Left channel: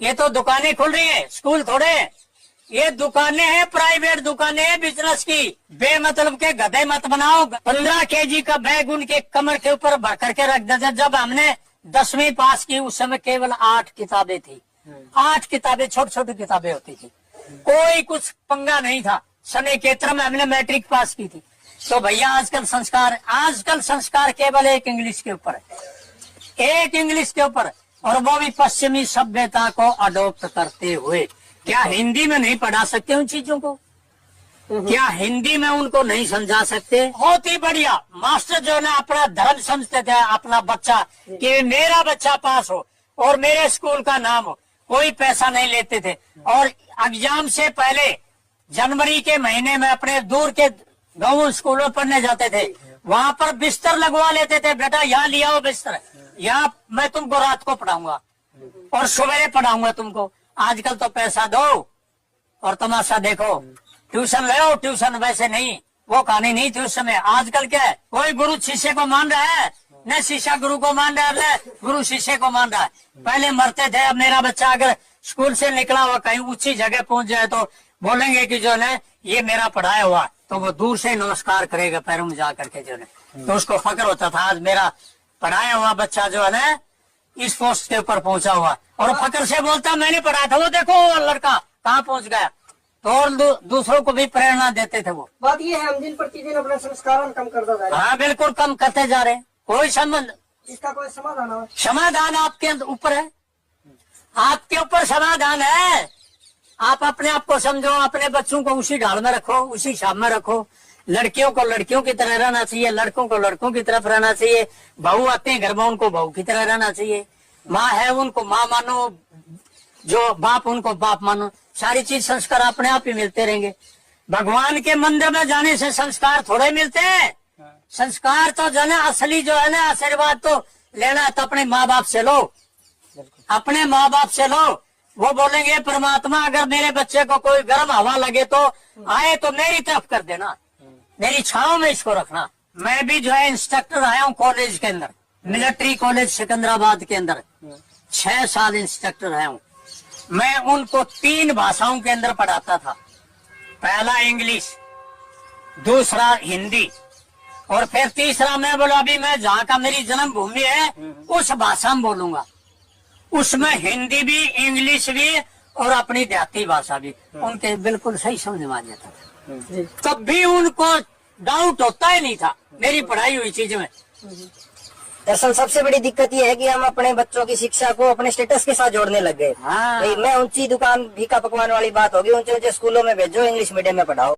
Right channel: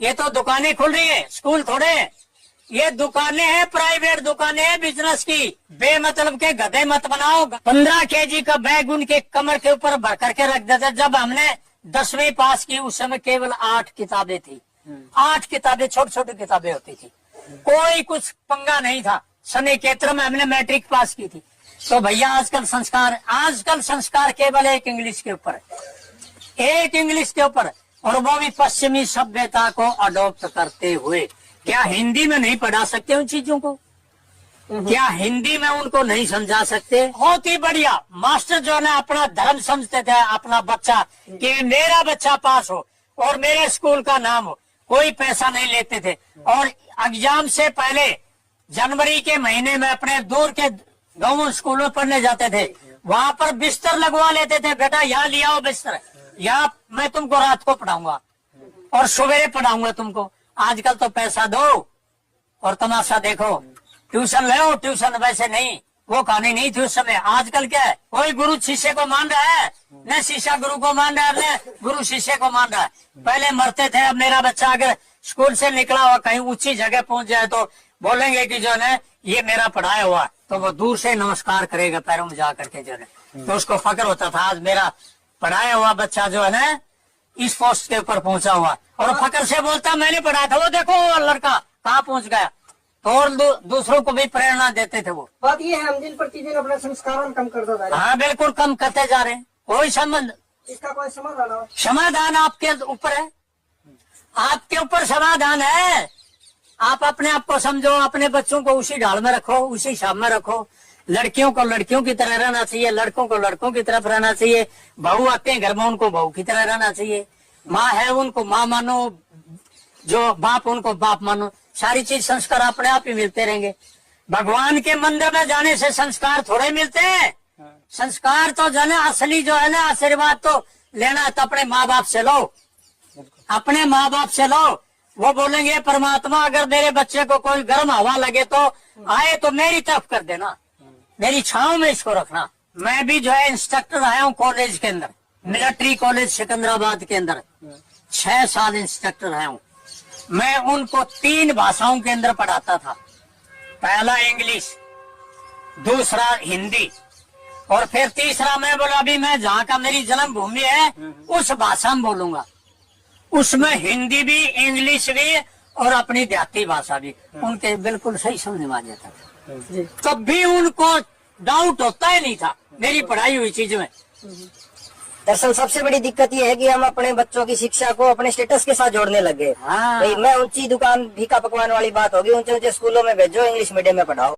ये तो दुकानें खुल रही है, स्कूल थोड़े। ये दुकानें हैं, प्राइवेट दुकानें हैं बिजनेस की। बेमतलब के गधे मत बनाओ। 15 केजी का बैग उनके कमर के ऊपर भर करके रख देते। जब हमने 10वीं पास की उस समय केवल 8 किताबें थी। 8 किताबें, छोटी छोटी किताबें होती थी, कोई कुछ पंगा नहीं था। समय केत्र में हमने मैट्रिक पास की थी। तो भैया आजकल संस्कार केवल एक इंग्लिश के ऊपर है, एक इंग्लिश के ऊपर, और वो भी पश्चिमी सभ्यता को अडॉप्ट करते हुए। क्या हिंदी में नहीं पढ़ा सकते उन चीजों को? क्या हिंदी में उनको नहीं समझा सकते? बहुत ही बढ़िया। मास्टर जो है अपना धर्म समझते थे, अपना बच्चा, कि मेरा बच्चा पास हो और मेरे स्कूल का नाम हो, कोई पैसा नहीं लेते थे। और एग्जाम से पहले जनवरी के महीने में अपने दूर के गाँव स्कूलों पढ़ने जाते थे, वहाँ पर बिस्तर लगवा लेते थे। बेटा यहाँ लिया हो बिस्तर, यहाँ मैं तुमको रात को पढ़ाऊंगा और सवेरे पढ़ाऊंगा तुमको। आजकल तो पैसा दो और तमाशा देखो, ट्यूशन ले, ट्यूशन वैसे नहीं, वो कहानी नहीं थी उस समय। आजकल क्या है, कोई गुरु शिष्य को मान रहा है, न शिष्य गुरु को मान रहा है, गुरु शिष्य को मान रहा है। पहले मरते थे। अब मेरा बच्चा अगर स्कूल से निकला हुआ कहीं ऊंची जगह पहुंच जाए तो बोलेंगे कि जो है ये मेरा पढ़ाया हुआ, तो वो दूर से नमस्कार करेगा पैरों में जा करके जो है। तो उसको फक्र होता था, आज मेरा पढ़ाया हुआ बच्चा जो है ना इस पोस्ट के ऊपर पहुंचा हुआ, और फक्र से बोलता मैंने पढ़ाया था, वो देखो वो लड़का कहाँ पहुंच गया। तो और दूसरों को भी प्रेरणा देते थे। वो बात ये है, हम दिन प्रतिदिन अपना संस्कार कम करते जा रहे हैं। हाँ बिल्कुल कम करते जा रहे हैं। कोई संबंध, इसका कोई समाधान हो? समाधान आपके ऊपर है, आपके ऊपर समाधान है। आप अपने आप को समझो, अपने बच्चों को उसी ढाल में रखो, उसी हिसाब में रखो। लड़कियों को लड़कियों की तरह रहना चाहिए, लड़कों को लड़कों की तरफ रहना चाहिए। बहू आते हैं घर में, उनको बहू की तरह रहना चाहिए। माँ है उनको माँ मानो, जो बाप उनको बाप मानो। सारी चीज संस्कार अपने आप ही मिलते रहेंगे। भगवान के मंदिर में जाने से संस्कार थोड़े मिलते हैं। संस्कार तो जो है असली जो है ना आशीर्वाद तो लेना है तो अपने माँ बाप से लो, अपने माँ बाप से लो। वो बोलेंगे परमात्मा अगर मेरे बच्चे को कोई गर्म हवा लगे तो आए तो मेरी तरफ कर देना, मेरी छांव में इसको रखना। मैं भी जो है इंस्ट्रक्टर आया हूँ कॉलेज के अंदर, मिलिट्री कॉलेज सिकंदराबाद के अंदर 6 साल इंस्ट्रक्टर आया हूँ। मैं उनको 3 भाषाओं के अंदर पढ़ाता था। पहला इंग्लिश, दूसरा हिंदी, और फिर तीसरा मैं बोला अभी मैं जहाँ का मेरी जन्मभूमि है उस भाषा में बोलूंगा। उसमें हिंदी भी, इंग्लिश भी और अपनी देहाती भाषा भी। उनके बिल्कुल सही समझ में आ जाता था। तब भी उनको डाउट होता ही नहीं था मेरी पढ़ाई हुई चीज में। दरअसल सबसे बड़ी दिक्कत ये है कि हम अपने बच्चों की शिक्षा को अपने स्टेटस के साथ जोड़ने लग गए। हाँ। भाई मैं ऊंची दुकान फीका पकवान वाली बात होगी, ऊंचे ऊंचे स्कूलों में भेजो, इंग्लिश मीडियम में पढ़ाओ।